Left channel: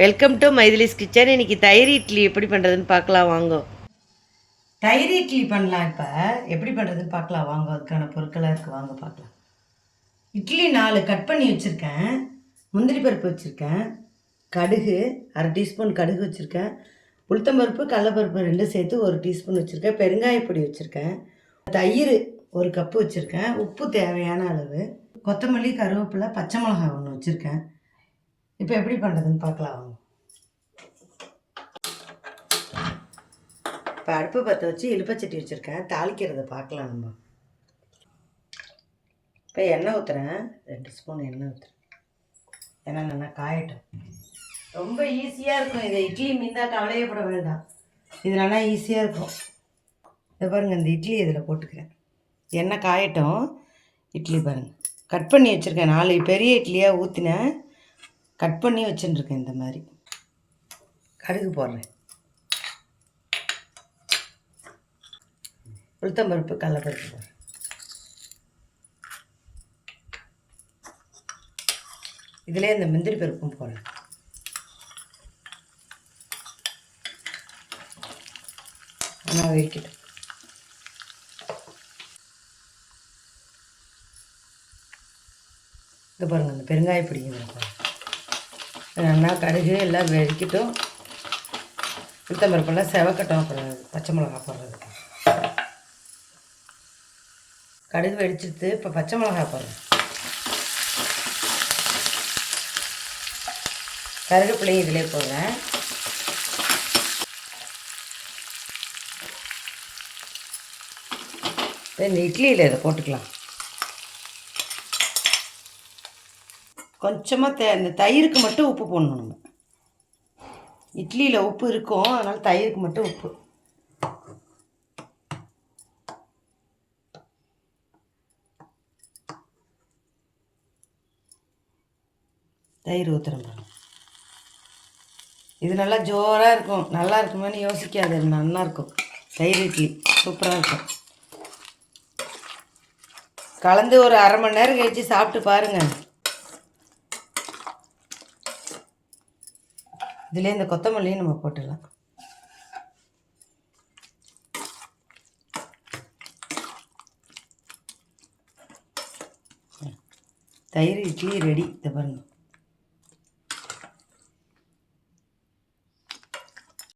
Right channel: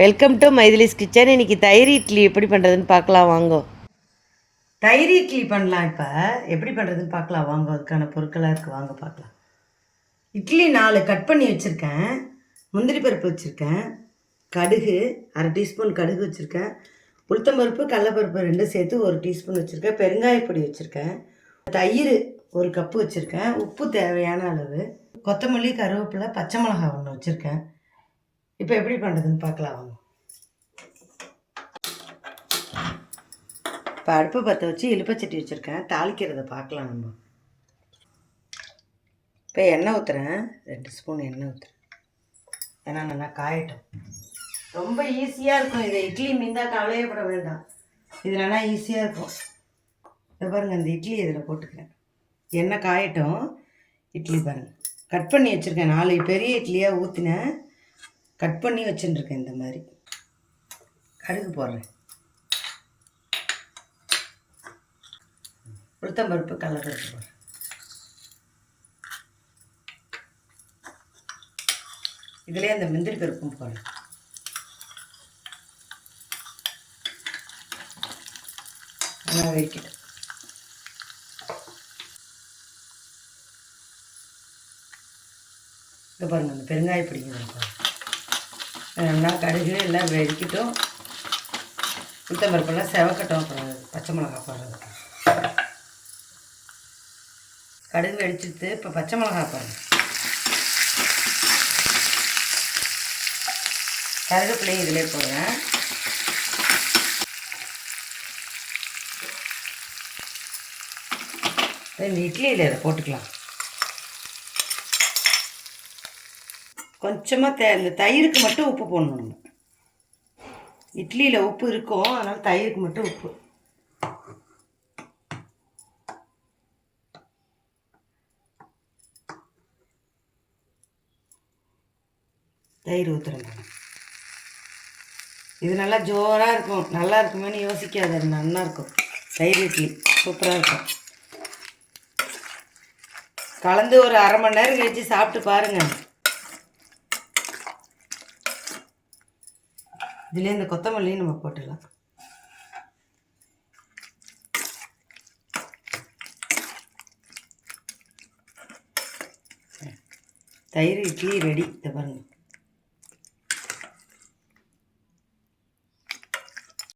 Welcome to மைதிலிஸ் kitchen. இன்றைக்கி தயிர் இட்லி எப்படி பண்ணுறதுன்னு பார்க்கலாம் வாங்க. தயிர் இட்லி பண்ணலாம். இப்போ எப்படி பண்ணுறதுன்னு பார்க்கலாம் வாங்க. அதுக்கான பொருட்களாக இருக்குது, வாங்க பார்க்கலாம். இட்லி 4 கட் பண்ணி வச்சுருக்கேன். முந்திரி பருப்பு வச்சுருக்கேன். கடுகு 1/2 டீஸ்பூன் கடுகு வச்சுருக்கேன். உளுத்தம்பருப்பு கடலைப்பருப்பு 2 சேர்த்து 1 டீஸ்பூன் வச்சுருக்கேன். பெருங்காயப்பொடி வச்சுருக்கேன். தயிர் 1 கப்பு வச்சுருக்கேன். உப்பு தேவையான அளவு, கொத்தமல்லி, கருவேப்பிலை, பச்சை மிளகாய் 1 வச்சுருக்கேன். இப்போ எப்படி பண்ணுறதுன்னு பார்க்கலாம் வாங்க. இப்போ அடுப்பு பற்ற வச்சு இலுப்பச்சட்டி வச்சுருக்கேன். தாளிக்கிறத பார்க்கலாம் நம்ம. இப்போ எண்ணெய் ஊற்றுறேன். 2 ஸ்பூன் எண்ணெய் ஊற்றுறேன். ஏன்னா நல்லா காயட்டும். ரொம்ப ஈஸியாக இருக்கும். இதை இட்லி மீந்தால் கவலையப்பட வேண்டாம். இது நல்லா ஈஸியாக இருக்கும். இதை பாருங்கள், இந்த இட்லி இதில் போட்டுக்கிறேன். எண்ணெய் காயட்டும். இட்லி பாருங்கள், கட் பண்ணி வச்சுருக்கேன். 4 பெரிய இட்லியாக ஊற்றினேன், கட் பண்ணி வச்சுட்டுருக்கேன். இந்த மாதிரி கடுகு போடுறேன். உளுத்தம்பருப்பு கடலைப்பருப்பு போடுறேன். இதிலே இந்த முந்திரி பருப்பும் போடுறேன். நல்லா வெடிக்கிட்டேன். இது பாருங்கள், அந்த பெருங்காய பிடிக்கணும். நல்லா கடுகு எல்லாம் வெடிக்கட்டும். உளுத்தம்பருப்பெல்லாம் செவக்கட்டும். அப்புறம் பச்சை மிளகா போடுறதுக்கு. கடுகு வெடிச்சிட்டு இப்போ பச்சை மிளகா போடுறேன். கருவேப்பிலையும் இதிலே போடுறேன். இந்த இட்லியில் இதை போட்டுக்கலாம். கொஞ்சமாக இந்த தயிருக்கு மட்டும் உப்பு போடணும். நம்ம இட்லியில் உப்பு இருக்கும், அதனால் தயிருக்கு மட்டும் உப்பு. தயிர் ஊற்றுறேன். இது நல்லா ஜோராக இருக்கும். நல்லா இருக்குமேனு யோசிக்காது, அது நல்லா இருக்கும். தயிர் இட்லி சூப்பராக இருக்கும். கலந்து ஒரு 1/2 மணி நேரம் கழிச்சு சாப்பிட்டு பாருங்கள். இதிலே இந்த கொத்தமல்லியும் நம்ம போட்டுடலாம். தயிர் இட்லி ரெடி. இதை பாருங்கள்.